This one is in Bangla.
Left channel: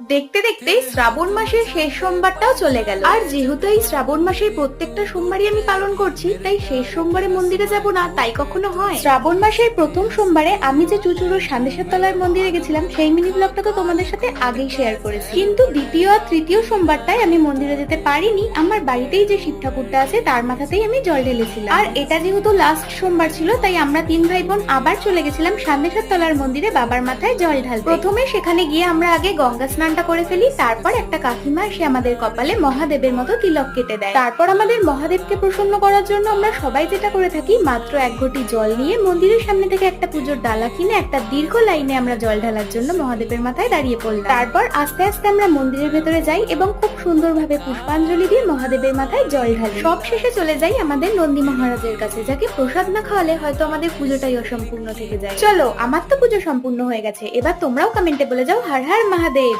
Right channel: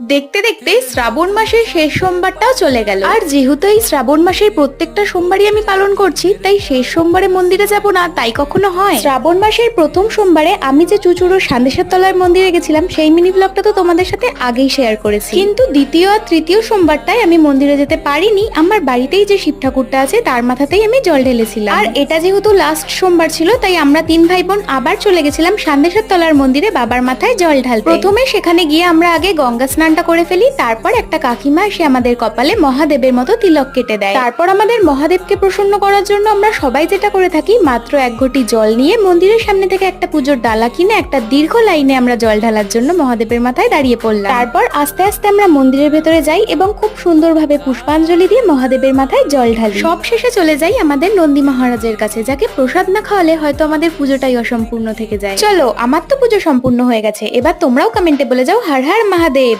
দেখতে দেখতে শ্রাবণ মাসের শেষ সোমবারটাও চলে গেল। আর যেহেতু এই শ্রাবণ মাসের প্রত্যেকটা সোমবারই আমি পালন করছি, তাই শেষ সোমবারে মন্দিরে যাব না তাই কখনো হয়? শ্রাবণ মাসের প্রথম সোমবারে আমি যে চুচুড়োর সান্দেশ্বর তলার মন্দিরে গেছিলাম সেই মিনি ব্লগটা তো তোমাদের সাথে আগেই শেয়ার করেছি, কিন্তু দ্বিতীয় আর তৃতীয় সোমবারটাই আমি মন্দিরে যেতে পারিনি। আমার বাড়িতেই যে শিব ঠাকুরটা আছে তার মাথাতেই আমি জল ঢেলেছিলাম। আর এটা যেহেতু লাস্ট সোমবার ছিল, তাই আমরা তিন ভাই বোন আবার চলে গেছিলাম সান্দেশ্বর তলার মন্দিরে বাবার মাথায় জল ঢালতে। প্রথমে সেখানে গিয়ে আমরা আগে গঙ্গা স্নানটা করে ফেলি, তারপর একটা কাকিমা এসে আমাদের কপালে মহাদেবের মতো তিলক কেটে দেয়। তারপর আমাদের মহাদেবকে প্রসন্ন করার জন্য আমরা সবাই যেটা করে থাকি, মাত্র এক ঘটি জল নিয়ে মন্দিরের সামনে থেকে একটা পুজোর ডালা কিনে একটা দীর্ঘ লাইনে আমরা জল ঢালার জন্য মহাদেবের মাথায় দাঁড়িয়ে পড়লাম। তারপর আস্তে আস্তে আমরা মন্দিরের ভেতরে যাই এবং খুব সুন্দরভাবে পুষ্পাঞ্জলি দিয়ে মহাদেবের মাথায় জল ঢালি। সব শেষে চলে যাই আমাদের নন্দী মহারাজের কাছে, যাকে প্রসাদ না খাওয়ালে হয়তো আমাদের পুজোটাই অসম্পূর্ণ থেকে যায়। চলো, আমার তো পুজো সম্পূর্ণ হয়ে গেছে, এবার তোমরাও কমেন্টে বলে যাও হর হর মহাদেব।